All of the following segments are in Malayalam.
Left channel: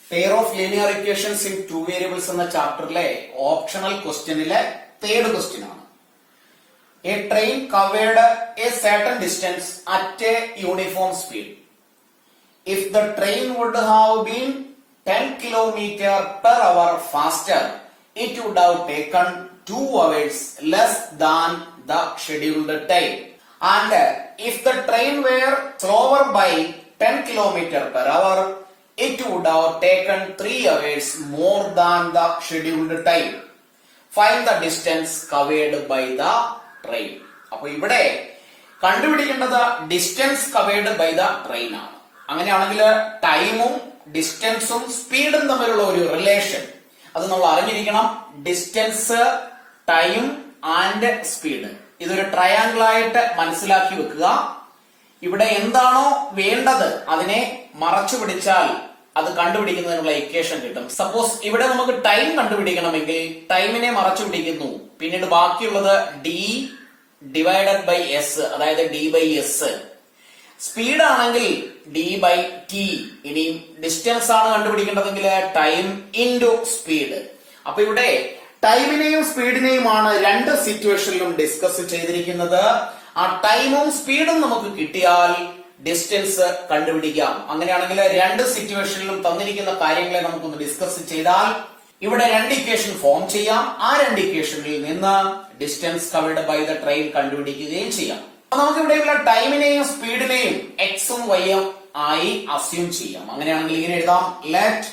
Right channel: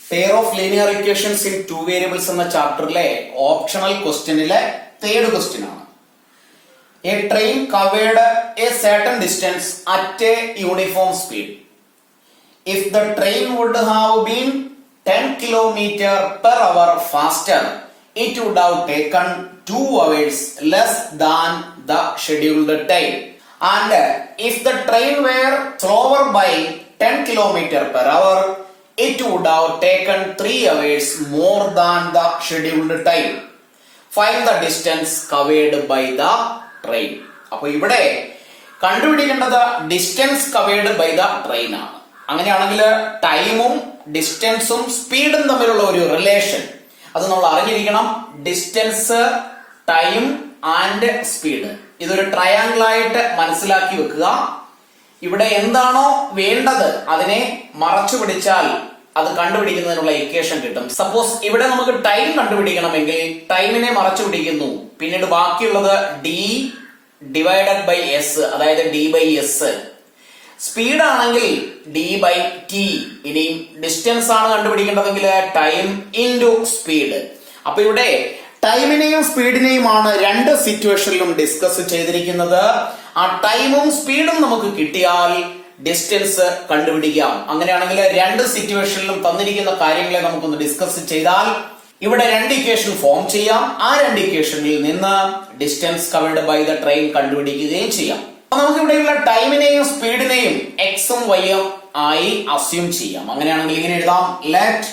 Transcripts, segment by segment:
Pair of linear equations in two variables എന്ന ചാപ്റ്ററിലെ ഓപ്ഷണൽ ക്വസ്റ്റ്യനിലെ തേർഡ് ക്വസ്റ്റ്യൻ ആണ്. A train covered a certain distance at a uniform speed. If the train would have been 10 kilometre per hour faster, it would have taken 2 hours less than the scheduled time. And if the train were slower by 10 kilometer per hour, it would have taken 3 hours more than the scheduled time. Find the distance covered by the train. അപ്പോൾ ഇവിടെ കണ്ടുപിടിക്കേണ്ടത് distance covered by the train ആണ്. അങ്ങനെയാണെങ്കിൽ ടൈമും ഡിസ്റ്റൻസും സ്പീഡും തമ്മിലുള്ള ഒരു റിലേഷൻ അത് നമ്മൾ അറിഞ്ഞിരിക്കണം. ഡിസ്റ്റൻസ്, ടൈം ആൻഡ് സ്പീഡ്, ഇതൊരു ട്രയാങ്കിൾ ആയിട്ട് മനസ്സിലാക്കി വെക്കുക. ഇവിടെ എന്താണോ വേണ്ടത് അതിനെ മറച്ചു പിടിച്ചാൽ അത് കണ്ടുപിടിക്കുന്നതിനുള്ള ഇക്വേഷൻ കിട്ടും. സപ്പോസ് ഇവിടെ നമുക്ക് ടൈം കണ്ടുപിടിക്കണമെങ്കിൽ ടൈമിനെ മറച്ചു പിടിക്കുന്നു, പിന്നീട് ബാക്കിയുള്ളത് ഡി ഡിവൈഡഡ് ബൈ എസ്, അതായത് ഡി ബൈ എസ്. സ്പീഡ് ആണെങ്കിൽ ഡി ബൈ ടി. ഇനിയും ഡിസ്റ്റൻസ് ആണ് കണ്ടുപിടിക്കേണ്ടതെങ്കിൽ ടൈം ഇൻറ്റു സ്പീഡ്. അപ്പൊ ഇവിടെ ടൈമിനെയും സ്പീഡിനെയുമാണ് രണ്ട് സിറ്റുവേഷനിലും ഡിസ്കസ് ചെയ്തിരിക്കുന്നത്. ആ ടൈമും സ്പീഡും നമുക്ക് കിട്ടിയാൽ ഡിസ്റ്റൻസ് കണ്ടുപിടിക്കാം. അങ്ങനെയാണെങ്കിൽ രണ്ട് സിറ്റുവേഷനിലും തന്നിരിക്കുന്ന കാര്യങ്ങളെ നമുക്കൊന്ന് ഡിസ്കസ് ചെയ്താൽ ഇവിടെ രണ്ട് ഇക്വേഷൻ ഫോം ചെയ്യാം. ആ രണ്ട് ഇക്വേഷനിൽ നിന്ന് distance covered by the train കണ്ടുപിടിക്കുകയും ചെയ്യാം. നമുക്ക് ഇവിടെയുള്ള ടൈമിനെയും സ്പീഡിനെയും എക്സും വൈയും ആയി അസ്യൂം ചെയ്യാം. അങ്ങനെയാണെങ്കിൽ ഇങ്ങനെ എഴുതാം: let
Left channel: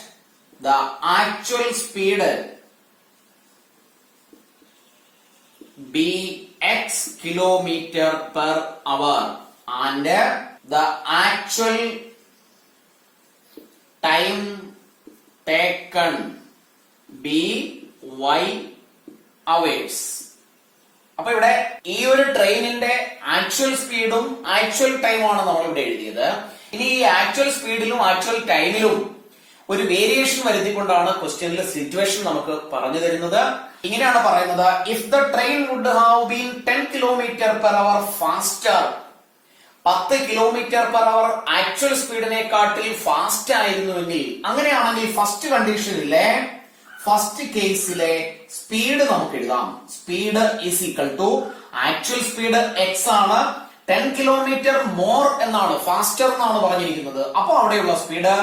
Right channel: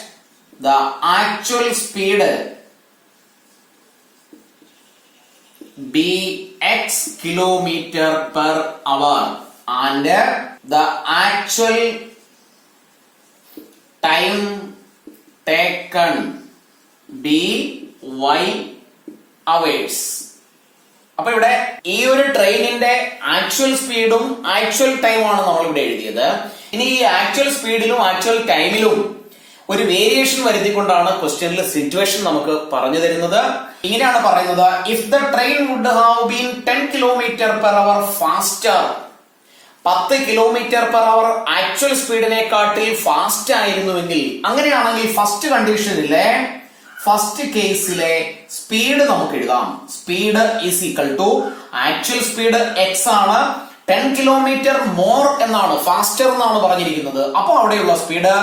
the actual speed be x kilometre per hour and the actual time taken be y hours. അപ്പൊ ഇവിടെ ഈ ഒരു ട്രെയിനിന്റെ ആക്ച്വൽ സ്പീഡും ആക്ച്വൽ ടൈമാണ് നമ്മൾ ഇവിടെ എഴുതിയത്. ഇനി ഈ ആക്ച്വൽ സ്പീഡിലും ആക്ച്വൽ ടൈമിലും ഒരു വേരിയേഷൻ വരുത്തിക്കൊണ്ടാണ് ക്വസ്റ്റ്യനിലെ സിറ്റുവേഷൻ നമുക്ക് പറഞ്ഞു തരുന്നത്. ഇങ്ങനെയാണ് പറയുന്നത്: if the train would have been 10 kilometre per hour faster, 10 kilometre per hour actual സ്പീഡിനെക്കാട്ടിൽ ഫാസ്റ്റ് ആയിരുന്നുവെങ്കിൽ, അങ്ങനെയാണെങ്കിൽ ഫസ്റ്റ് കണ്ടീഷനിലെ ഫസ്റ്റ് കേസിലെ സ്പീഡ് നമുക്ക് എഴുതാം. Speed is equal to actual speed x ആണ്, 10 കിലോമീറ്റർ മോർ എന്നാണ്, ഫാസ്റ്റർ എന്നാണ് പറഞ്ഞിരിക്കുന്നത്. അപ്പോൾ അവിടെയുള്ള സ്പീഡ്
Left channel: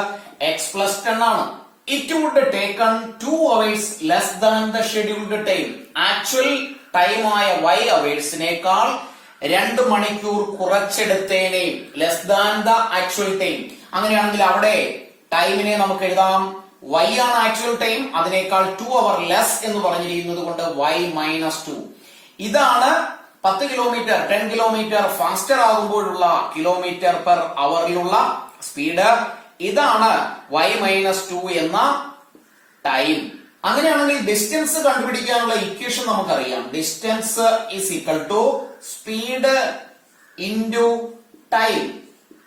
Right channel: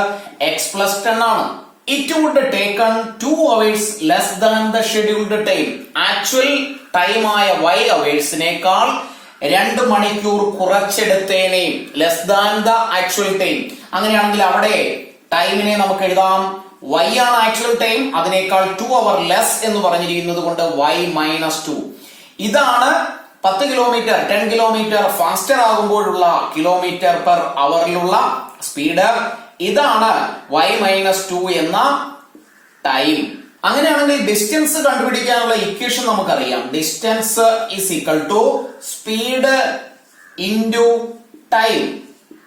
എക്സ് പ്ലസ് 10 ആണ്. It would taken 2 hours less than the scheduled time. Actual time ആയ y അവേഴ്സിനേക്കാൾ 2 മണിക്കൂർ കുറച്ചെടുത്തേനെയും, less than the actual time. അങ്ങനെയാണെങ്കിൽ അവിടെ ടൈമിനെ നമുക്ക് എഴുതാം y ആണ് ആക്ച്വൽ ടൈം, അതിനേക്കാൾ 2 hour ലെസ് എന്ന് പറഞ്ഞിരിക്കുന്നത് കൊണ്ട് y മൈനസ് 2. ഇതാണ് 10 കിലോമീറ്റർ 10 കിലോമീറ്റർ ഫാസ്റ്റർ ആകുമ്പോഴുള്ള കിലോമീറ്റർ പെർ അവറിലുള്ള സ്പീഡ്. ഇതാണ് y മൈനസ് 2 എന്ന ടൈം. അങ്ങനെയാണെങ്കിൽ ഡിസ്റ്റൻസ് കണ്ടുപിടിക്കാനുള്ള ഇക്വേഷൻ നമുക്കറിയാം. Distance is equal to speed into time,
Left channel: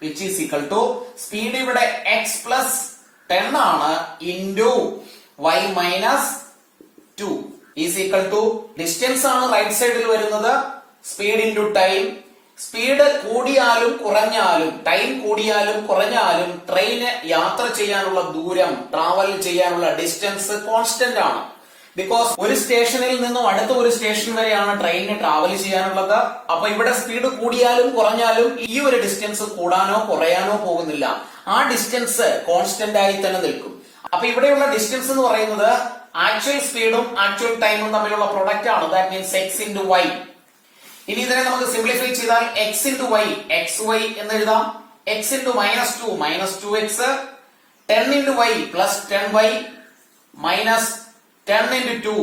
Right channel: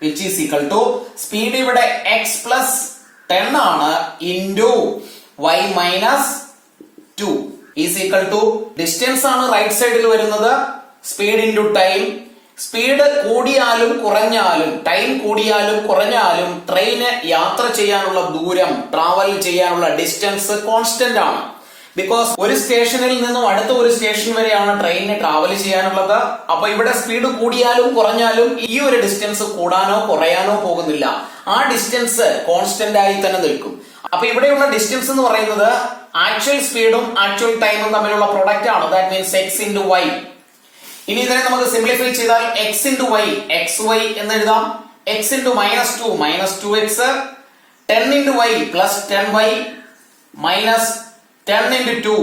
which is equal to speed ഇവിടെ x പ്ലസ് 10 ആണ് into y minus 2 is equal to distance ആണ് റൈറ്റ് സൈഡിൽ വരുന്നത്, സ്പീഡ് ഇൻറ്റു ടൈം. സ്പീഡ് കൂടിയാലും കുറഞ്ഞാലും, ടൈം കൂടിയാലും കുറഞ്ഞാലും ട്രെയിന് യാത്ര ചെയ്യാനുള്ള ദൂരം, ട്രാവൽ ചെയ്യാനുള്ള ഡിസ്റ്റൻസ് കോൺസ്റ്റന്റ് ആണ്. ബിക്കോസ് ഒരു സ്റ്റേഷനിൽ നിന്നും അടുത്ത ഒരു സ്റ്റേഷൻ വരെയാണ് ട്രെയിനിന് ട്രാവൽ ചെയ്യാനുള്ളത്. അപ്പൊ ഇവിടെ സ്പീഡ് കൂടിയാലും കുറഞ്ഞാലും ഈ ഒരു ഡിസ്റ്റൻസ് കൂടാനോ കുറയാനോ പോകുന്നില്ല. ആ ഡിസ്റ്റൻസ് കോൺസ്റ്റന്റ് ആയി തന്നെ നിൽക്കും. അപ്പൊ ഇവിടെയുള്ള ഡിസ്റ്റൻസ് എന്ന് പറയുന്നത് ആക്ച്വൽ സ്പീഡും ആക്ച്വൽ ടൈമും തമ്മിലുള്ള പ്രൊഡക്റ്റ് ആണ്. That means x into y. ഇനി ഇതിനെ നമുക്ക് സിംപ്ലിഫൈ ചെയ്താൽ x into y, x y എന്ന് എഴുതാം. X into minus 2, minus 2x. 10 into y plus 10y minus 10 into 2,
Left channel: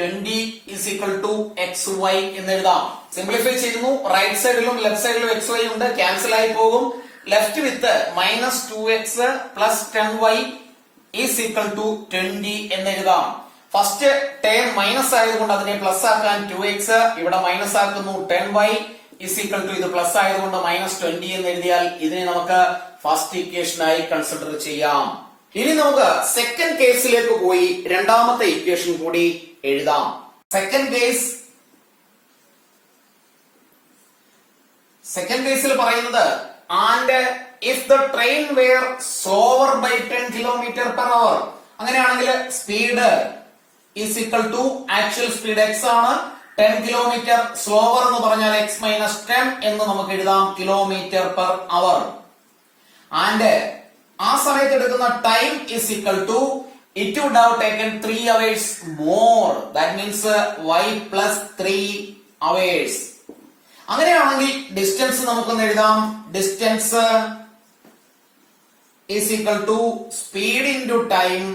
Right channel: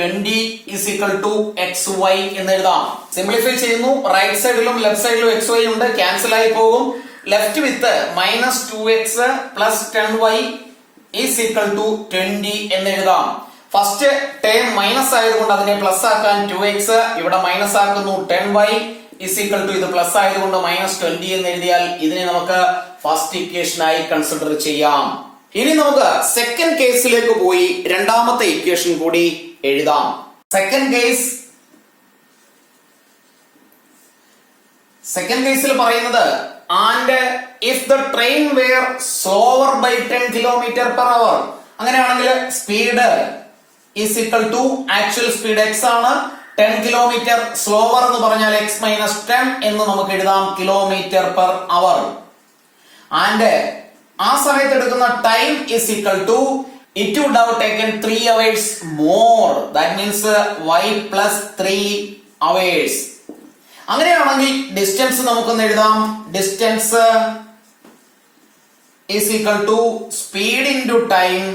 20 is equal to xy എന്ന് എഴുതാം. സിംപ്ലിഫൈ ചെയ്യുന്നു. റൈറ്റ് സൈഡിലും ലെഫ്റ്റ് സൈഡിലും xy ഉണ്ട്, ക്യാൻസൽ ആയി പോകും. Left with minus 2x plus 10y is equal to 20 എന്ന് എഴുതാം. ഫസ്റ്റ് ടേം മൈനസ് ആയതുകൊണ്ട് അതിനെ പ്ലസ് ആക്കാൻ 2x, ഇവിടെ മൈനസ് ആക്കുന്നു 10y ഈസ് ഈക്വൽ ടു ഇത് പ്ലസ് ആയതുകൊണ്ട് മൈനസ് 20 എന്ന് എഴുതിയാൽ ഇതിനെ നമുക്ക് ഫസ്റ്റ് ഇക്വേഷൻ ആയി കൺസിഡർ ചെയ്യാം. ഇനി നമുക്ക് സെക്കൻഡ് കേസിലേക്ക് പോയി രണ്ടാമത്തെ ഇക്വേഷൻ കൂടി എഴുതാം. സെക്കൻഡ് കേസിൽ പറയുന്നത്: and if the train were slower by 10 kilometer per hour, അങ്ങനെയാണെങ്കിൽ speed is equal to actual speed x ആണ്. 10 കിലോമീറ്റർ സ്ലോവർ എന്ന് പറഞ്ഞാൽ x മൈനസ് 10 എന്ന് നമുക്ക് എഴുതാം കിലോമീറ്റർ പെർ അവർ. ആൻഡ് ആ സമയത്ത് എടുക്കുന്ന time is equal to it would have taken 3 hours more. That means y plus 3 hours. അങ്ങനെയാണെങ്കിൽ ഡിസ്റ്റൻസ് നമുക്കൊന്ന് എഴുതാം. Distance is equal to speed into time,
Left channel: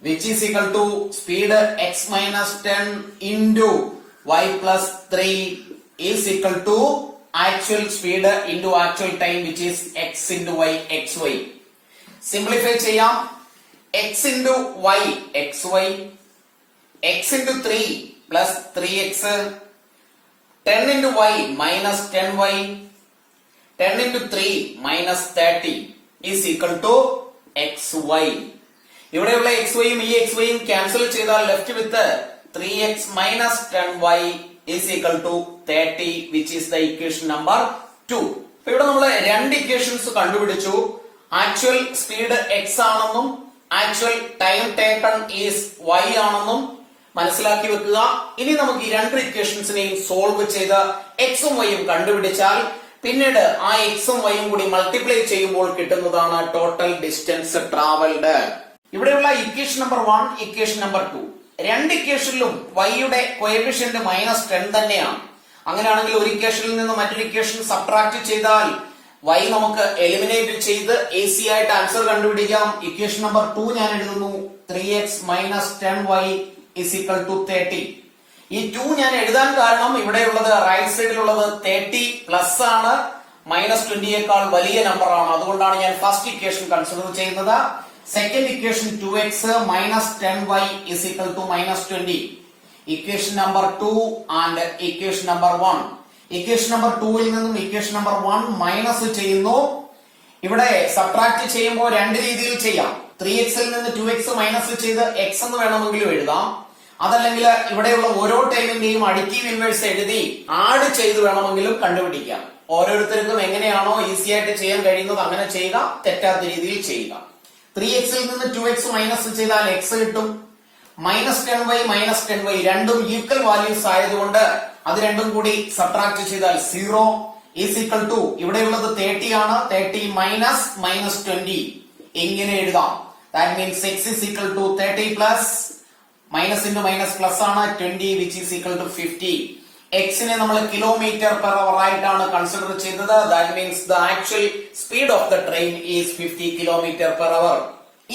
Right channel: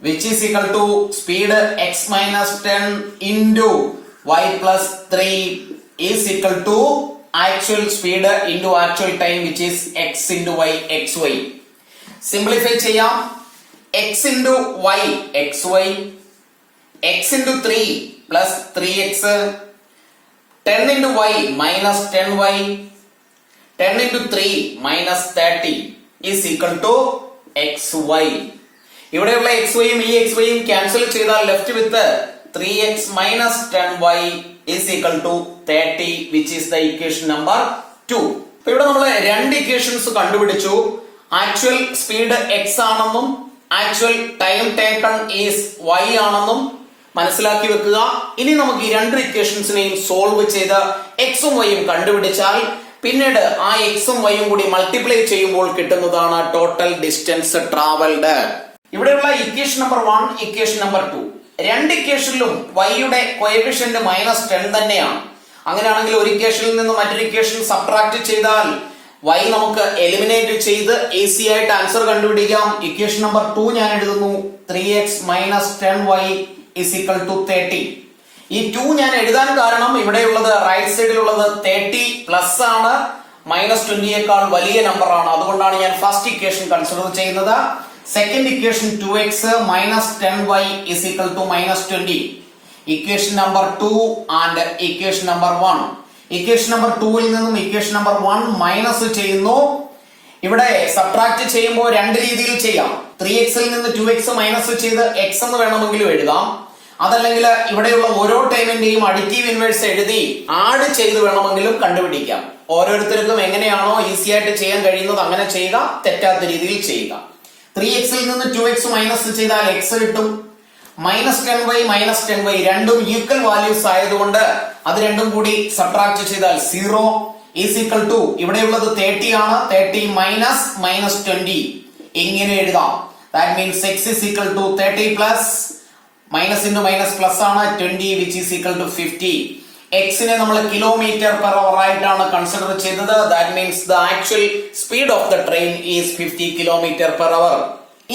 which is equal to speed x minus 10 into y plus 3 is equal to actual speed into actual time, which is x into y, xy. Simplify ചെയ്യാം. x into y, xy, x into 3 plus 3x, 10 into y minus 10y, 10 into 3 minus 30 is equal to xy. ഇവിടെയുള്ള xy യും ഈ xy യും ക്യാൻസൽ ചെയ്താൽ left with 3x minus 10y is equal to 30, which is the equation number 2. അപ്പോൾ ഇവിടെ നമ്മൾ രണ്ട് ഇക്വേഷൻസ് കണ്ടുപിടിച്ചു. ആക്ച്വൽ സ്പീഡ് x ആണെന്നും actual time taken is y ആണെന്നും മനസ്സിലാക്കി വെക്കുക. ഇനി നമുക്ക് ഈ രണ്ട് ഇക്വേഷൻസിനെയും സോൾവ് ചെയ്ത് എക്സും വൈയും കണ്ടുപിടിച്ചാൽ പിന്നീട് ആ എക്സും വൈയും കൂടി മൾട്ടിപ്ലൈ ചെയ്യുമ്പോൾ കിട്ടുന്നതാണ് ടോട്ടൽ ഡിസ്റ്റൻസ് ട്രാവൽഡ്. ഇവിടെയുള്ള ഇക്വേഷൻ നമ്പർ 1, ഇക്വേഷൻ നമ്പർ 2, രണ്ട് ഇക്വേഷനിലും വൈയുടെ കോഎഫിഷ്യന്റ് -10 തന്നെയാണ്. അങ്ങനെയാണെങ്കിൽ ഒരു ഇക്വേഷനിൽ നിന്ന് മറ്റൊരു ഇക്വേഷൻ സബ്ട്രാക്ട് ചെയ്താൽ y നമുക്ക് എലിമിനേറ്റ് ചെയ്ത് ഈസി ആയിട്ട് ആൻസർ കണ്ടുപിടിക്കാം. ഇക്വേഷൻ നമ്പർ 2 ഞാൻ എഴുതുന്നു. 3x minus 10y is equal to 30. ഈ 2 ഞാൻ എഴുതാൻ കാരണം ഇവിടെയുള്ളത് റൈറ്റ് സൈഡിലുള്ളത് 30 പ്ലസ് ആണ്, -20യേക്കാൾ വലിയ നമ്പർ ആണ്. അതുകൊണ്ടാണ് ഞാൻ ഫസ്റ്റ് ഇക്വേഷൻ കൺസിഡർ ചെയ്യുന്നത്. Second equation 2x minus 10y is equal to -20. Equation number 2 and equation number 1. Equation number 2ൽ നിന്നും ഇക്വേഷൻ നമ്പർ 1 മൈനസ് ചെയ്യുന്നു. ഇവിടെ സബ്ട്രാക്ട് ചെയ്യുമ്പോൾ രണ്ട് രീതിയിൽ ചെയ്യാം. 3x ൽ നിന്ന് 2x മൈനസ് ചെയ്ത് x എന്ന് വേണമെങ്കിലും എഴുതാം. അതല്ലെങ്കിൽ ഇവിടെയുള്ള ഓരോ ടൈമിന്റെയും അഡിറ്റീവ് ഇൻവേഴ്സ് എഴുതി ആഡ് ചെയ്ത് വേണമെങ്കിലും കണ്ടുപിടിക്കാം. ഓരോരുത്തർക്കും എങ്ങനെയാണോ ഈസി ആയിട്ട് ചെയ്യാൻ കഴിയുന്നത് അങ്ങനെ ചെയ്യുക, തെറ്റാത്ത രീതിയിൽ ചെയ്യുക. 3x ൽ നിന്ന് 2x മൈനസ് ചെയ്താൽ x കിട്ടും. -10y രണ്ടും ഈക്വൽ വാല്യൂസ് ആയതുകൊണ്ട് അത് രണ്ടും കൂടി സബ്ട്രാക്ട് ചെയ്താൽ 0 ഈസ് ഈക്വൽ ടു ഇവിടെയുള്ളത് 30 ആണ്. 30 മൈനസ് -20 ഇങ്ങനെ എഴുതാം. That means x is equal to 30 plus minus into minus plus ആണ് 20, which is equal to 50. x നെ നമ്മൾ കിലോമീറ്റർ പെർ അവർ ആയിട്ടാണ് കൺസിഡർ ചെയ്തത്. That means the actual speed of the train is 50 kilometre per അവർ.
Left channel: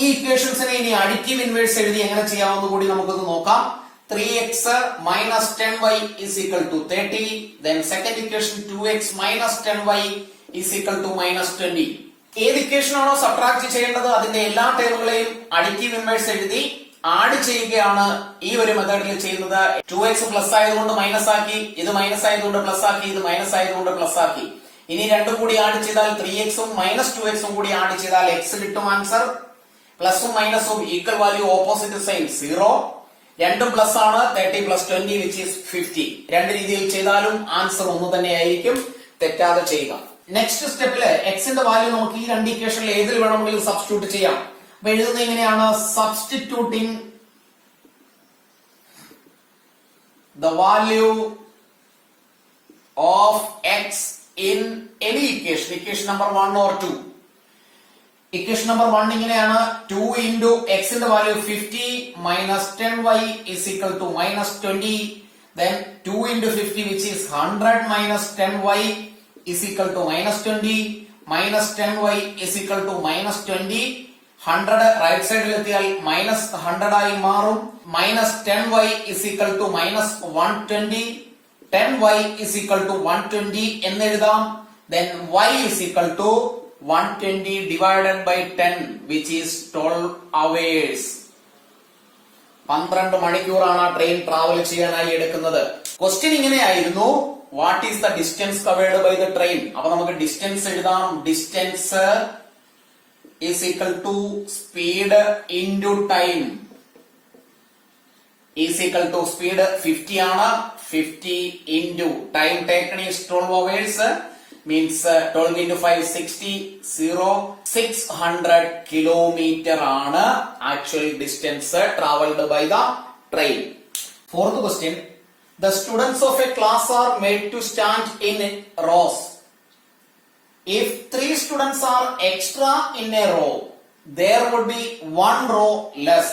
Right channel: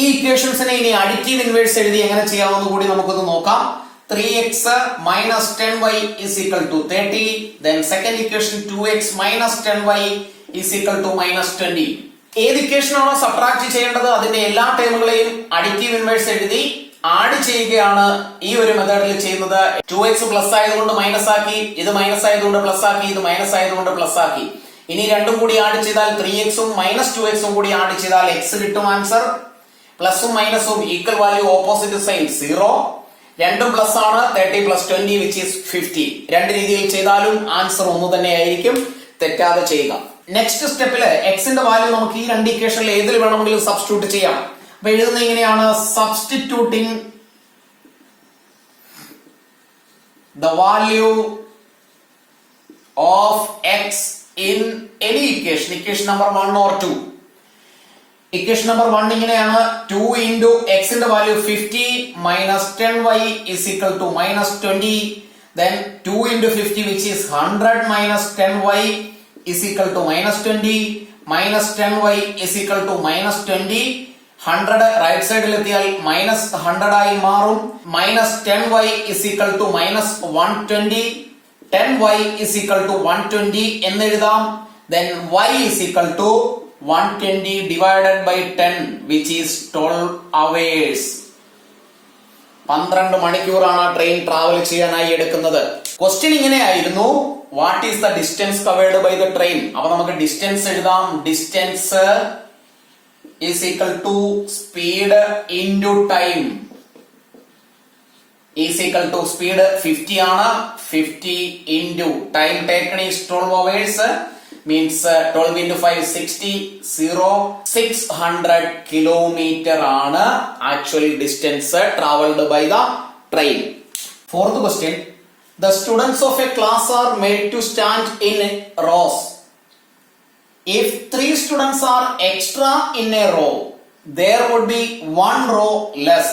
ഈ ഇക്വേഷൻസിനെ ഇനി അഡിറ്റീവ് ഇൻവേഴ്സ് എഴുതി എങ്ങനെ ചെയ്യാമെന്ന് കൂടി നമുക്കൊന്ന് നോക്കാം. 3x minus 10y is equal to 30. Then second equation 2x minus 10y is equal to -20. ഏത് ഇക്വേഷൻ ആണോ സബ്ട്രാക്ട് ചെയ്യേണ്ടത് അതിന്റെ എല്ലാ ടേമുകളെയും അഡിറ്റീവ് ഇൻവേഴ്സ് എഴുതി ആഡ് ചെയ്യുകയാണ് ഈ ഒരു മെത്തേഡിൽ ചെയ്യുന്നത്. 2x പ്ലസ് ആയതുകൊണ്ട് മൈനസ് ആക്കി, ഇത് മൈനസ് ആയതുകൊണ്ട് പ്ലസ് ആക്കി, ഇത് മൈനസ് ആയതുകൊണ്ട് പ്ലസ് ആക്കി. ഇനി രണ്ടും കൂടി ആഡ് ചെയ്താൽ 3x ഉം -2x ഉം കൂടി ആഡ് ചെയ്താൽ x കിട്ടും ആൻസർ. പ്ലസും മൈനസും ഈക്വൽ വാല്യൂ ഓപ്പോസിറ്റ് സൈൻ 0. രണ്ടും പ്ലസ് ആണ്. 30 plus 20 which is 50. രണ്ട് രീതിയിൽ ചെയ്താലും ആൻസർ ഒന്ന് തന്നെ ആയിരിക്കും. തെറ്റാതെ ചെയ്യുക. നെക്സ്റ്റ് സ്റ്റെപ്പില് എക്സിന്റെ വാല്യൂ നമുക്ക് ഈ രണ്ട് ഇക്വേഷനിൽ ഏതിൽ വേണമെങ്കിലും സബ്സ്റ്റിറ്റ്യൂട്ട് ചെയ്യാം. അപ്പൊ എഴുതുന്നത് ഇങ്ങനെയാണ്: substituting the value of x in any equation, equation number 1 or 2. Equation number 1 ഇങ്ങനെയാണ്: 2 into x ന്റെ value 50 minus 10y is equal to -20. Then 2 into 50 which is 100 minus 10y is equal to -20. Minus 10y is equal to -20. 100 right സൈഡിൽ എത്തിയാൽ -100 ആയി മാറും. Minus 10y is equal to -120. 10y is equal to 120 എന്നെഴുതാം. Then y is equal to 120 divided by 10 which is 12 hours. 12 മണിക്കൂറാണ് ട്രെയിൻ ട്രാവൽ ചെയ്യാനായി എടുക്കുന്നത്. ക്വസ്റ്റ്യൻ ഇങ്ങനെയായിരുന്നു: what is the distance covered by the train? അപ്പൊ നമുക്ക് ഡിസ്റ്റൻസ് എഴുതാം. Distance is equal to speed into time is equal to speed 50 ആണ്. 50 into time taken is 12 hours. means 12 into 5 60 0 600 kilometer ആണ് actual distance traveled by the train. Fourth question, the students of a class are made to stand in rows. If 3 students are extra in a row, there would be 1 row less.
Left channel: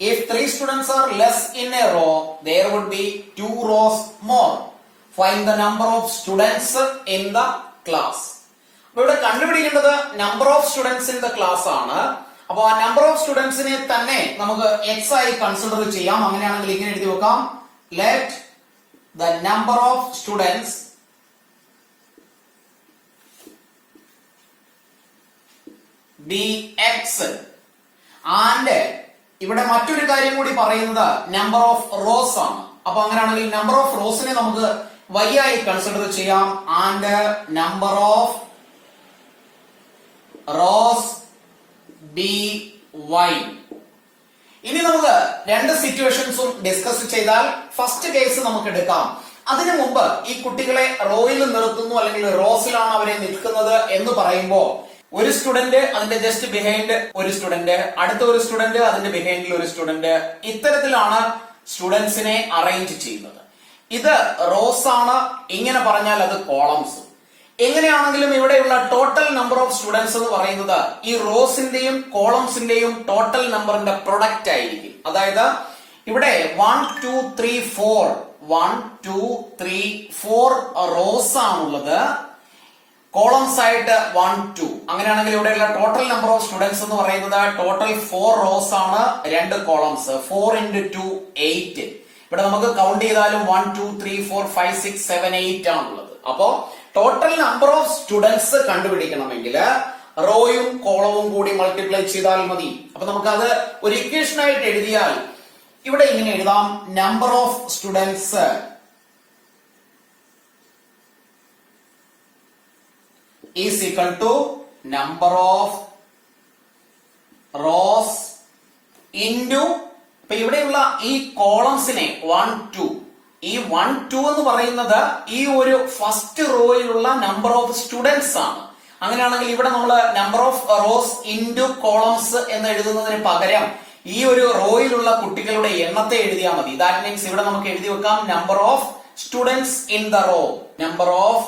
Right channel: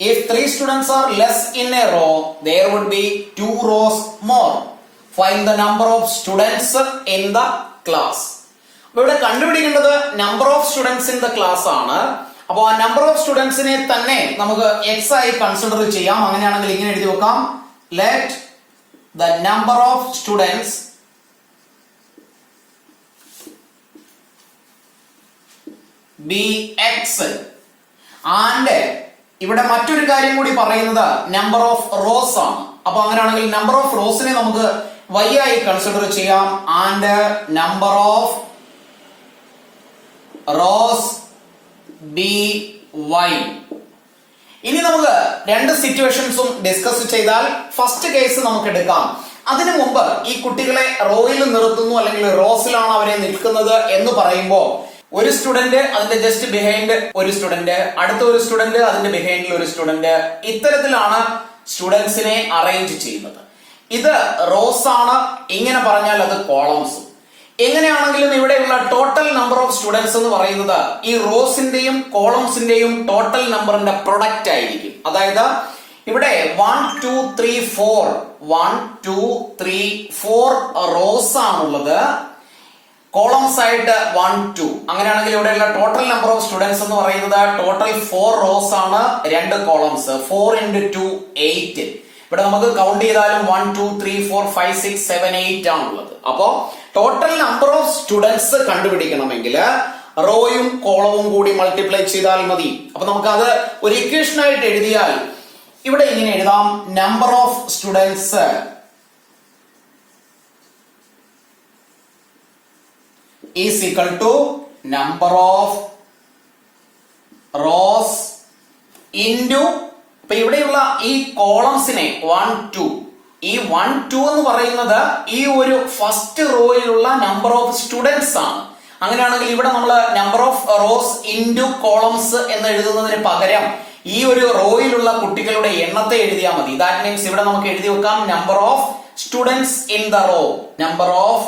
If 3 students are less in a row, there would be 2 rows more. Find the number of students in the class. അപ്പോൾ ഇവിടെ കണ്ടുപിടിക്കേണ്ടത് number of students in the class ആണ്. അപ്പോൾ ആ നമ്പർ ഓഫ് സ്റ്റുഡൻസിനെ തന്നെ നമുക്ക് എക്സ് ആയി കൺസിഡർ ചെയ്യാം. അങ്ങനെയാണെങ്കിൽ ഇങ്ങനെ എഴുതി വെക്കാം, let the number of students B X. And ഇവിടെ മറ്റൊരു കാര്യം കൂടി പറയുന്നത് നമ്പർ ഓഫ് റോസ് ആണ്. അപ്പൊ അങ്ങനെയാണെങ്കിൽ നമ്പർ ഓഫ് റോസിനെ നമുക്ക് y ആയി കൺസിഡർ ചെയ്യാം. And number of rows be y. ഇനി നമുക്ക് രണ്ട് സിറ്റുവേഷൻസും ഡിസ്കസ് ചെയ്താൽ ഫസ്റ്റ് കേസ് നമുക്ക് എടുക്കാം. അതിനു മുമ്പ് ഈ കുട്ടികളെ റോയിൽ നിർത്തുന്നു അല്ലെങ്കിൽ റോസിലാണ് അവരെ നിൽക്കുന്നത് എന്ന് പറയുമ്പോൾ ഒരു സ്റ്റുഡന്റ് അതിന്റെ ജസ്റ്റ് ബിഹൈൻഡ് ഒരു സ്റ്റുഡന്റ്, അടുത്ത ഒരു സ്റ്റുഡന്റ് അതിന്റെ ബിഹൈൻഡിൽ ഒരു സ്റ്റുഡന്റ്, ഇത്തരത്തിലാണ് സ്റ്റുഡൻസിനെ അറേഞ്ച് ചെയ്യുന്നത്. ഇത് റോസ് ആണ്, ഇങ്ങനെ പറഞ്ഞാൽ അത് കോളംസ്. എങ്ങനെയാണെങ്കിലും ഇവിടെയുള്ള ടോട്ടൽ നമ്പർ ഓഫ് സ്റ്റുഡൻസ് എന്ന് പറയുന്നത് ഈ റോസിന്റെയും കോളംസിന്റെയും ടോട്ടൽ നമ്പറിന്റെ പ്രൊഡക്റ്റ് ആയിരിക്കും. അതായത് ഇവിടെ 1 2 3 4 1 2 3 4 റോസ് ആണുള്ളത്, കോളംസ് ആയിട്ട് 1 2. അങ്ങനെയാണെങ്കിൽ ഇവിടെയുള്ള ടോട്ടൽ നമ്പർ ഓഫ് സ്റ്റുഡൻസ് എന്ന് പറയുന്നത് ടോട്ടൽ 4 റോസ് ആണ്, 2 കോളംസ്. 4 into 2 8. ഇവിടെ നമുക്ക് കൗണ്ട് ചെയ്താലും 1 2 3 4 5 6 7 8 ആണുള്ളത്. അപ്പോ ടോട്ടൽ നമ്പർ ഓഫ് സ്റ്റുഡൻസ് കണ്ടുപിടിക്കണമെങ്കിൽ റോയും കോളവും കൂടി മൾട്ടിപ്ലൈ ചെയ്താൽ മതി. അപ്പൊ നമുക്ക് അത് ഒരു ഇക്വേഷൻ ആയിട്ട് എഴുതിയാൽ ഇവിടെ ഇങ്ങനെ എഴുതാം, number of students is equal to number of rows into, ഇപ്പൊ ഇവിടെയുള്ള ഈ കോളംസിനെ 1 2, ഈ 1 2 എന്ന് പറയുന്നത് ഈ ഒരു ഫസ്റ്റ് റോയിലുള്ള നമ്പർ ഓഫ് സ്റ്റുഡൻസ് ആണ്. അങ്ങനെയാണെങ്കിൽ ഇവിടെ നമ്മൾ number of rose into columns എന്ന് എഴുതുന്നതിന് പകരം ഈ ഒരു റോയിലുള്ള കുട്ടികളുടെ എണ്ണത്തെ എഴുതിയാൽ മതി. ദാറ്റ് മീൻസ് ഇവിടെ നമുക്ക് എഴുതി വെക്കാം number of students in the row, number of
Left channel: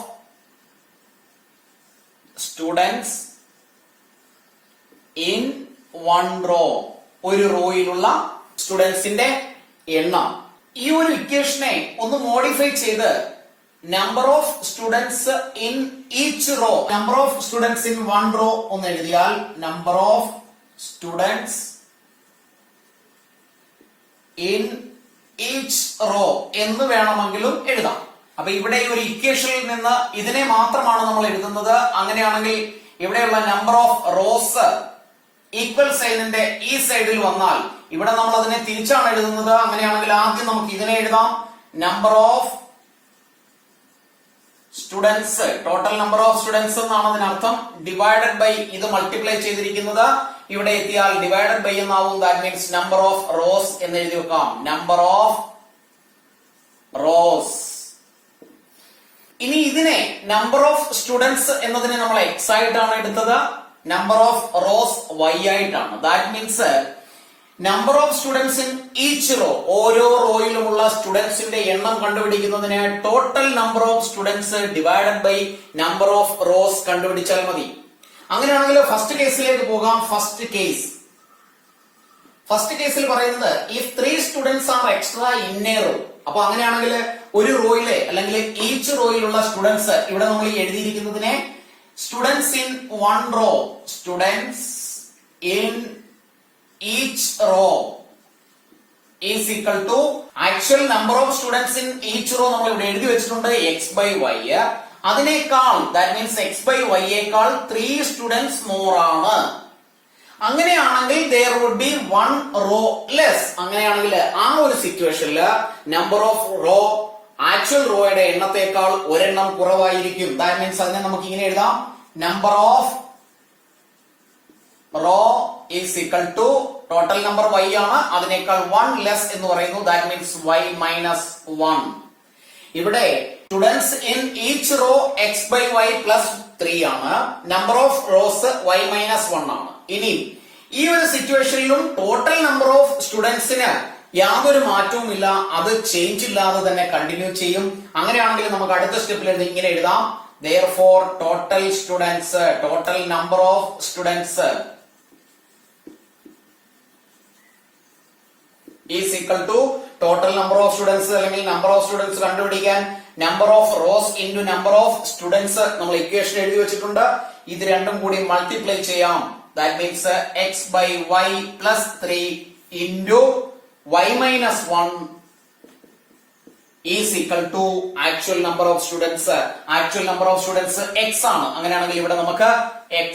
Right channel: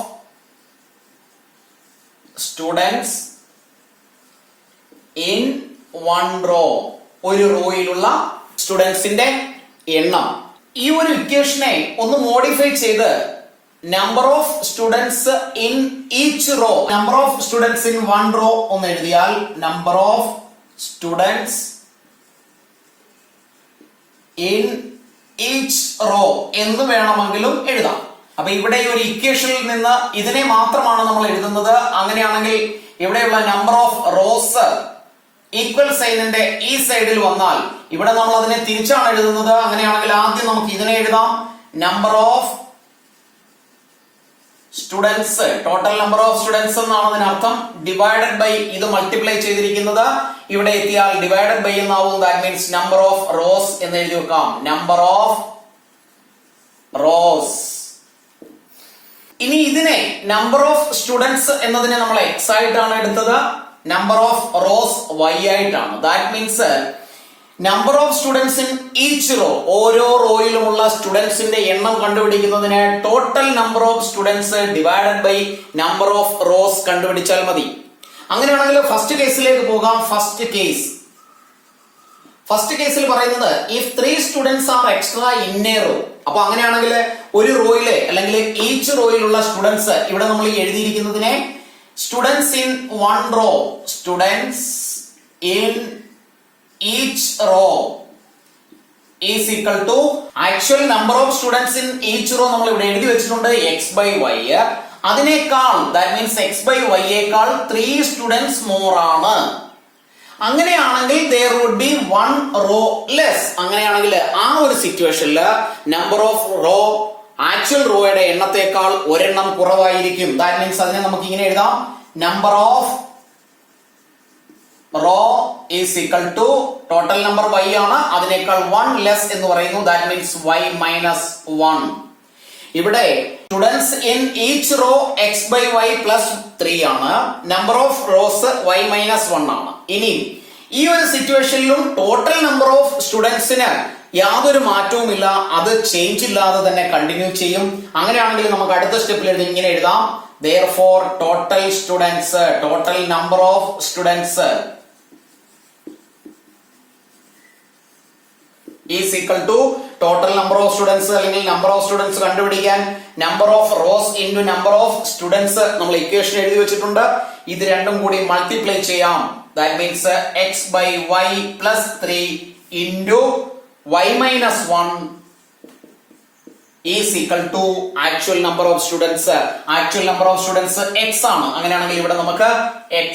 students in 1 row, ഒരു റോയിലുള്ള സ്റ്റുഡൻസിന്റെ എണ്ണം. ഈ ഒരു ഇക്വേഷനെ ഒന്ന് മോഡിഫൈ ചെയ്ത് number of students in each row, number of students in 1 row ഒന്ന് എഴുതിയാൽ number of students in each row എന്ന് വേണമെങ്കിലും എഴുതാം. അപ്പൊ ഇവിടെ ഈ ഒരു ഇക്വേഷനിൽ നിന്ന് ഇതിനെ മാത്രമാണ് നമ്മൾ എഴുതുന്നത്. അങ്ങനെയാണെങ്കിൽ ഇവിടെയുള്ള നമ്പർ ഓഫ് റോസ് ഈക്വൽ സൈനിന്റെ ഈ സൈഡിൽ വന്നാൽ ഇവിടെ നമ്മൾ അതിനെ തിരിച്ചാണ് എഴുതുന്നത്. അങ്ങനെയാണെങ്കിൽ ആദ്യം നമുക്ക് ഇതിനെ എഴുതാം, number of students, total number of students എന്നാണ് അതിനർത്ഥം, ഡിവൈഡഡ് ബൈ ഇത് മൾട്ടിപ്ലൈ ചെയ്തിരിക്കുന്നത് ഇവിടെ എത്തിയാൽ ഡിവൈഡഡ് ബൈ എന്നാവും. That means number of rose എന്ന് എഴുതി വെക്കാം, നമ്പർ ഓഫ് റോസ്. ഇനി ഇതിനെ നമ്പർ ഓഫ് സ്റ്റുഡൻസ് എന്നതിനെ നമ്മൾ എക്സ് ആയിട്ടാണ് എടുത്തത്, നമ്പർ ഓഫ് റോസ് വൈ ആയിട്ടാണ്. That means number of students in each row, ഓരോ റോയിലുമുള്ള സ്റ്റുഡൻസിന്റെ എണ്ണം കണ്ടുപിടിക്കുന്നതിന് total number of students divided by number of rows കണ്ടുപിടിച്ചാൽ മതി. അങ്ങനെയാണെങ്കിൽ ഫസ്റ്റ് കേസിലേക്ക് പോകാം. ഫസ്റ്റ് കേസിൽ പറയുന്നത് if 3 students are extra in a row. അപ്പൊ അങ്ങനെയാണെങ്കിൽ ഒരു റോയിലെ അല്ലെങ്കിൽ ഈച്ച് റോയിലുള്ള സ്റ്റുഡൻസ്, ഇവിടെ നമ്മൾ എഴുതിയിരിക്കുന്നതിനെ students in 1 row, students in each row is equal to actual number of students in each row നമ്മൾ ഇവിടെ എഴുതി വെച്ചിട്ടുണ്ട് x/y. അതിനേക്കാൾ ദാറ്റ് മീൻസ് x/y യേക്കാൾ 3 സ്റ്റുഡൻസ് മോർ ആണ്. അങ്ങനെയാണെങ്കിൽ there would be 1 row less. അങ്ങനെയാണെങ്കിൽ ആ ഒരു സിറ്റുവേഷനിൽ നമ്പർ ഓഫ് റോ ആക്ച്വൽ റോയുടെ എണ്ണത്തേക്കാൾ ഒരെണ്ണം കുറവായിരിക്കും. ദാറ്റ് മീൻസ് അതിനെ നമുക്ക് ഇങ്ങനെ എഴുതാം, number of row is equal to total number y ആണ്, അതിനേക്കാൾ 1 ലെസ് എന്ന് പറയുന്നു. That means y - 1. ഇവിടെ students in each row x by y plus 3 ആണ്. Number of rows y minus 1 ആണ്. ഇനി ഈ ഒരു സിറ്റുവേഷനിലും ടോട്ടൽ നമ്പർ ഓഫ് സ്റ്റുഡൻസിന് യാതൊരു മാറ്റവുമില്ല, അത് ചേഞ്ച് ഇല്ലാതെ തന്നെ കണ്ടിന്യൂ ചെയ്യും. അങ്ങനെയാണെങ്കിൽ നമുക്ക് അടുത്ത സ്റ്റെപ്പിൽ ഇങ്ങനെ എഴുതാം, therefore total students, total number of students is equal to total number of students അല്ലെങ്കിൽ number of students കണ്ടുപിടിക്കാൻ number of rows into number of students നമ്മൾ ഇക്വേഷൻ എഴുതി വെച്ചിട്ടുണ്ട്. ഇത് രണ്ടും കൂടി മൾട്ടിപ്ലൈ ചെയ്യാം. That means x by y plus 3 into y minus 1 is equal to actual number of students. Actual number of students x ആണ്. അങ്ങനെയാണെങ്കിൽ ഇവിടെ നമുക്ക് x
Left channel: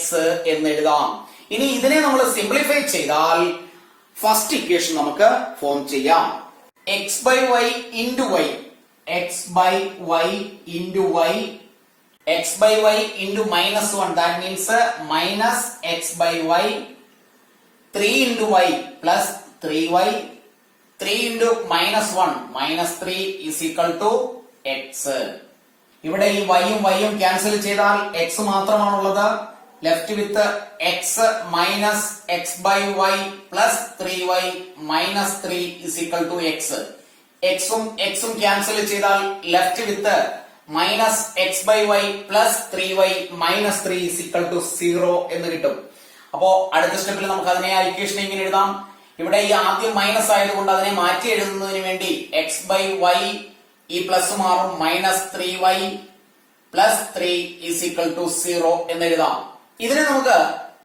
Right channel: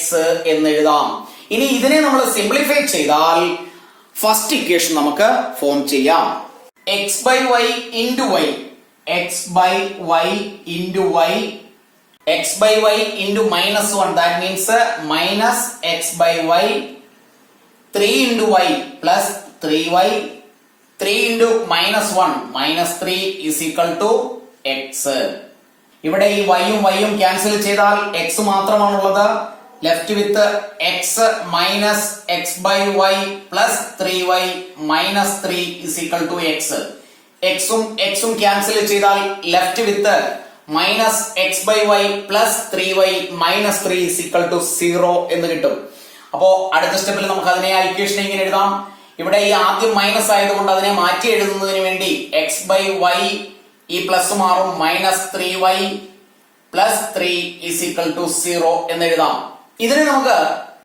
എന്ന് എഴുതാം. ഇനി ഇതിനെ നമ്മൾ സിംപ്ലിഫൈ ചെയ്താൽ ഫസ്റ്റ് ഇക്വേഷൻ നമുക്ക് ഫോം ചെയ്യാം. x by y into y, x by y into y, x by y into minus 1, that means minus x by y, 3 into y plus 3y, 3 into minus 1 minus 3 is equal to x. ഇവിടെ ഈ y യും y യും ക്യാൻസൽ ചെയ്താൽ x മാത്രമാണുള്ളത്. Left with x minus x by y plus 3y minus 3 is equal to x. x ഉം x ഉം ക്യാൻസൽ ചെയ്താൽ left with minus x by y plus 3y minus 3 is equal to 0 എന്ന് കിട്ടും. അപ്പോ അടുത്ത സ്റ്റെപ്പിൽ നമുക്ക് അതിനെ ആ ഇക്വേഷൻ ഇങ്ങനെ എഴുതാം. ഇവിടെ ഈ ആദ്യം മൈനസ് ആയതുകൊണ്ട് അതിനെ മാറ്റി എഴുതുന്നതിന് വേണ്ടി x by y ഈ പ്ലസ് മാറും, minus 3y plus 3 is equal to 0 എന്ന് എഴുതാം. ഇതിനെ നമുക്ക്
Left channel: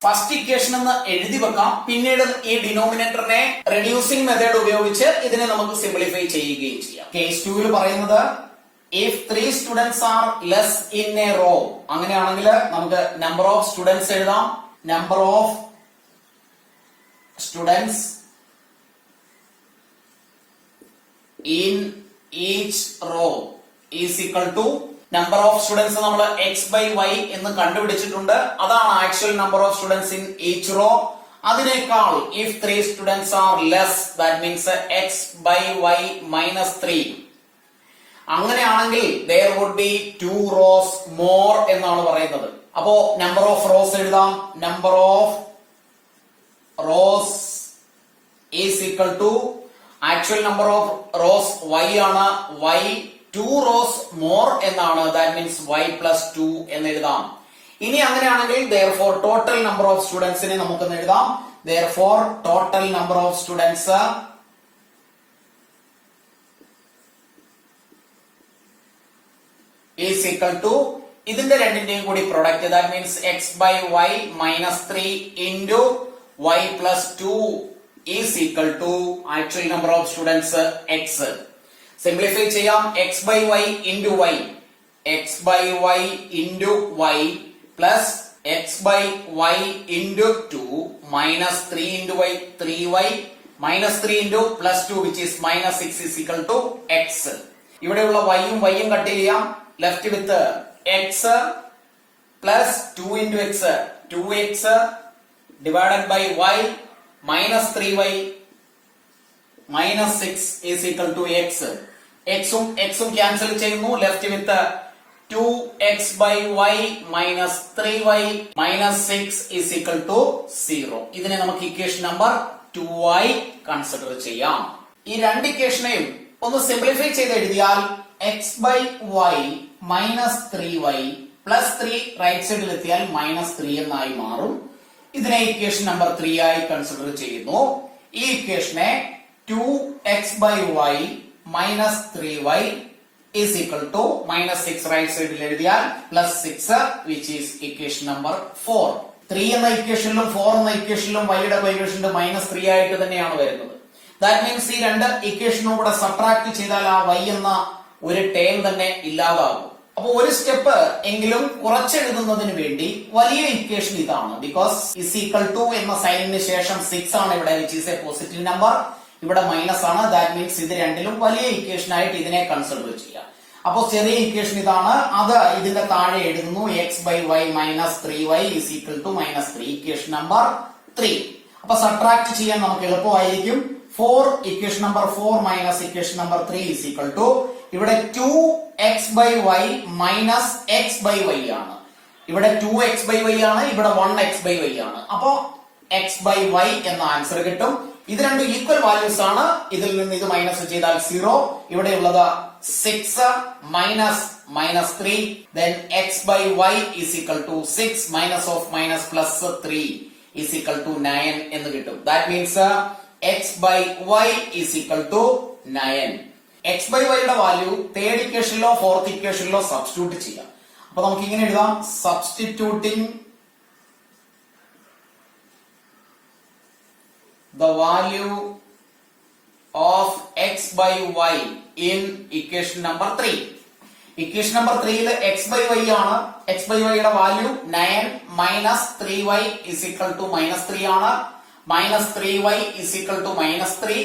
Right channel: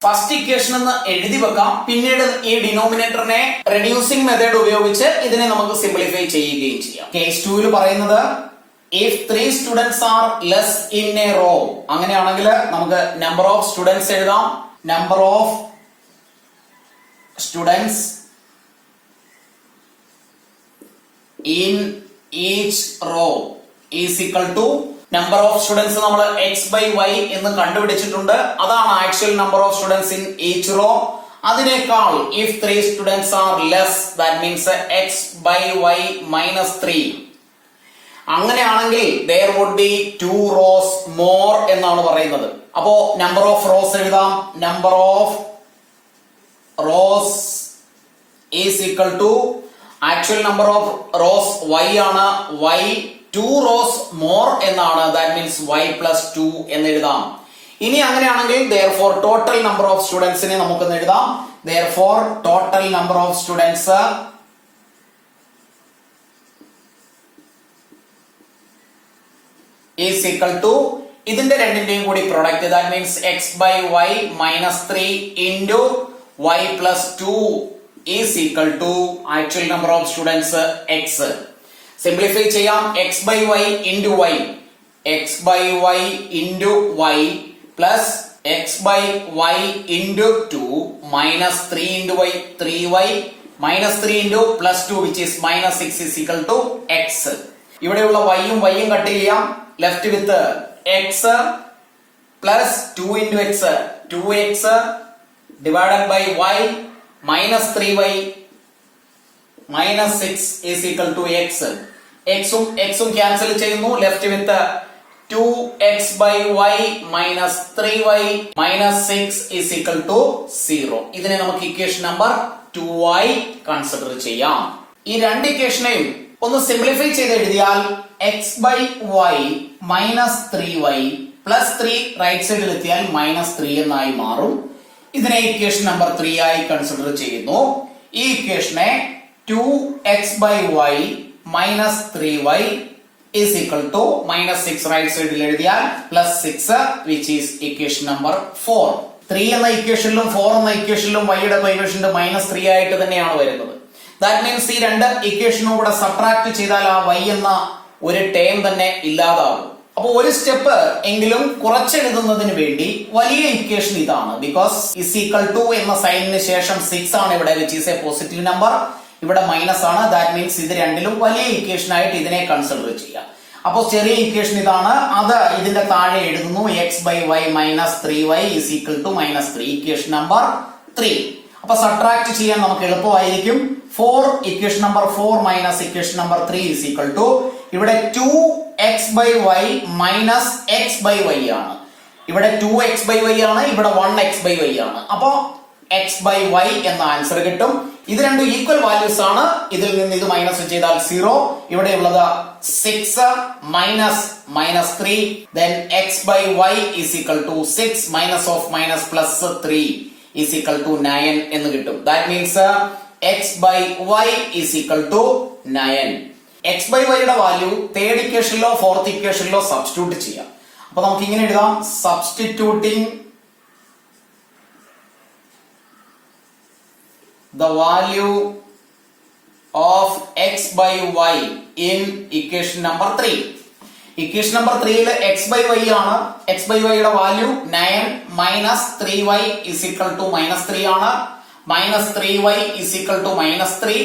ഫസ്റ്റ് ഇക്വേഷൻ എന്ന് എഴുതി വെക്കാം. പിന്നീട് ഈ ഡിനോമിനേറ്ററിനെ റെഡ്യൂസിംഗ് മെത്തേഡ് ഉപയോഗിച്ച് ഇതിനെ നമുക്ക് സിംപ്ലിഫൈ ചെയ്യുകയും ചെയ്യാം. കേസ് 2 പറയുന്നത് if 3 students are less in a row, അങ്ങനെയാണെങ്കിൽ നമുക്ക് നമ്പർ ഓഫ് സ്റ്റുഡൻസ് എഴുതാം. Number of students in each row is equal to number of students നമ്മൾ x by y എന്ന് കണ്ടുപിടിച്ചിട്ടുണ്ട്. അതാണ് actual number of students in each raw. അതിനേക്കാൾ if 3 students are less, that means x by y minus 3. അങ്ങനെയാണെങ്കിൽ there would be 2 rows more എന്നാണ് പറയുന്നത്. അപ്പോ നമ്പർ ഓഫ് റോസ് എഴുതാം. Number of rose is equal to actual number of rows y ആണ്. y 2 rows more എന്നാണ്. that means y plus 2 എന്ന് എഴുതാം. ഇനി അങ്ങനെയാണെങ്കിൽ therefore total number of students നെ നമുക്കൊന്ന് എഴുതാം. therefore total number of students is equal to ഇതിന്റെ രണ്ടിന്റെയും കൂടി product, that means x by y minus 3 into y plus 2 is equal to actual number of students x. Simplify ചെയ്യാം. x by y into y, x by y into y plus x by y into 2 minus 3 into y, 3y minus 3 into plus 2 which is minus 6 is equal to x. ഇവിടെയുള്ള y യും y യും കട്ട് ചെയ്യാം. Left with x plus 2 into x, 2x divided by y minus 3y minus 6 is equal to x. x ഉം ക്യാൻസൽ ചെയ്യുന്നു. Left with 2x by y minus 3y minus 6 is equal to 0. ഇതിനെ നമുക്ക് ഇക്വേഷൻ നമ്പർ 2 ആയി കൺസിഡർ ചെയ്യാം. ഈ രണ്ട് ഇക്വേഷനെയും ഒന്ന് സിംപ്ലിഫൈ ചെയ്ത് എഴുതിയാൽ x by y minus 3y plus 3 right സൈഡിൽ എത്തിയാൽ മൈനസ് 3 എന്നായി മാറും. ഇതിനെ ഇക്വേഷൻ നമ്പർ 3 ആയി കൺസിഡർ ചെയ്യുന്നു. ഈ ഇക്വേഷനെ 2x by y minus 3y is equal to minus 6 right സൈഡിൽ എഴുതിയാൽ plus 6 which is equation number 4. 3 എന്ന ഇക്വേഷനിലും 4 എന്ന ഇക്വേഷനിലും y യുടെ കോഎഫിഷ്യന്റ് മൈനസ് 3 ആയിട്ട് തന്നെയാണ് വരുന്നത്. That means ഈ രണ്ട് ഇക്വേഷനും കൂടെ സബ്ട്രാക്ട് ചെയ്താൽ ആ y എന്ന ഒരു ടേം തന്നെ ഇല്ലാതാകും. അപ്പൊ ഒരു സ്റ്റെപ്പ് എങ്കിലും കുറച്ചെഴുതുന്നതിന് വേണ്ടി വലിയ ഇക്വേഷൻ ഇതാണ്. ബിക്കോസ് ഇസ് ഈക്വൽ ടു എന്ന സൈനിന് ശേഷം 6 ആണ് ഇവിടെ, which is A positive number. ഇവിടെ മൈനസ് ആണ്. ദാറ്റ് മീൻസ് ഇത് രണ്ടിലും വലിയ ഇക്വേഷൻ ആയിട്ട് ഇതിനെ കൺസിഡർ ചെയ്യാം. അപ്പൊ ചെറിയ ഇക്വേഷൻ ഇതാണ്. അത് ഇതിന്റെ താഴെ എഴുതുന്നു. x by y minus 3y is equal to minus 3. Equation number 3. അപ്പൊ സബ്ട്രാക്ട് ചെയ്യാൻ നമുക്ക് എളുപ്പമായിരിക്കും. 4 equation number 4 minus equation number 3 is equal to ഇവിടെ 2 x by y minus x by y ആണ്. ഇവിടെ 2x ബൈ വൈ ആണ്, ഇവിടെ 1x ബൈ വൈ ആണ്. അപ്പോ എക്സ് ബൈ വൈ എന്ന ആൻസർ കിട്ടും. ഇത് രണ്ടും ഈക്വൽ വാല്യൂസ് ആണ്. ഇതിൽ നിന്ന് ഇത് മൈനസ് ചെയ്താൽ 0. ഇവിടെയുള്ളത് 6 minus -3. then x by y is equal to 6 minus of minus plus 3 is equal to 9 എന്ന് കിട്ടും. That means x by y is equal to 9. x by y യുടെ വാല്യൂ തേർഡ് ഇക്വേഷനിലോ ഫോർത്ത് ഇക്വേഷനിലോ സബ്സ്റ്റിറ്റ്യൂട്ട് ചെയ്യാം. അപ്പൊ നമുക്ക് ഇങ്ങനെ എഴുതാം, substituting the value of x by y in equation number 3. Equation number 3 ൽ x by y ആണ്. x by y യുടെ value 9 minus 3y is equal to -3 ആണ്. -3y is equal to -3.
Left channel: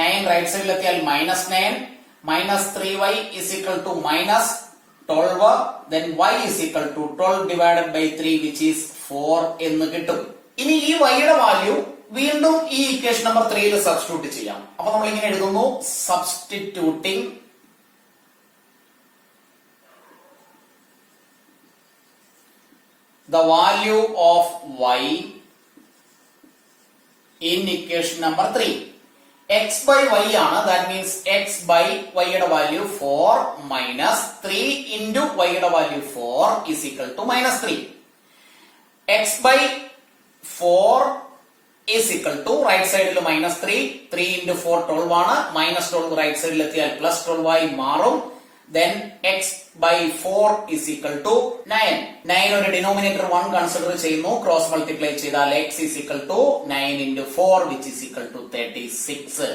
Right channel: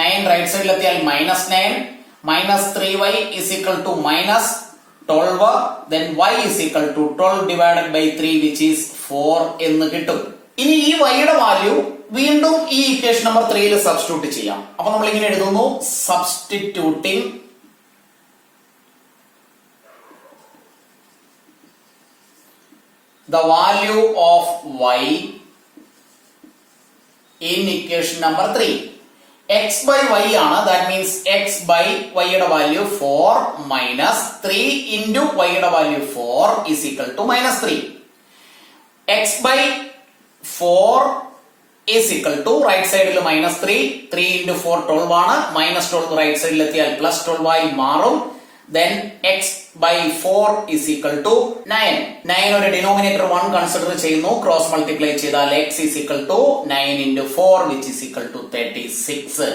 9 right സൈഡിൽ എത്തിയാൽ -9. -3y is equal to -12. then y is equal to 12 divided by 3 which is 4 എന്ന് കിട്ടും. ഇനി ഈ y യുടെ വാല്യൂ വീണ്ടും ഈ ഇക്വേഷൻ നമ്പർ 3 ൽ സബ്സ്റ്റിറ്റ്യൂട്ട് ചെയ്യാം. അപ്പൊ നമ്മൾ ഇങ്ങനെ എഴുതുന്നു, substituting the value of y in equation number 3. x by y ആണ്. that means x by y യുടെ വാല്യൂ 4 minus 3 into y യുടെ value 4 is equal to -3. x by 4 is equal to right സൈഡിൽ -3. 3 into 4 12 ആണ്. -12 റൈറ്റ് സൈഡിൽ എത്തിയാൽ +12 ആയി മാറും. then x by 4 is equal to 9. 9 ഒരു ഡിനോമിനേറ്റർ 1 കൺസിഡർ ചെയ്യുന്നു. ക്രോസ് മൾട്ടിപ്ലൈ ചെയ്താൽ x is equal to 9 into 4 which is equal to 36.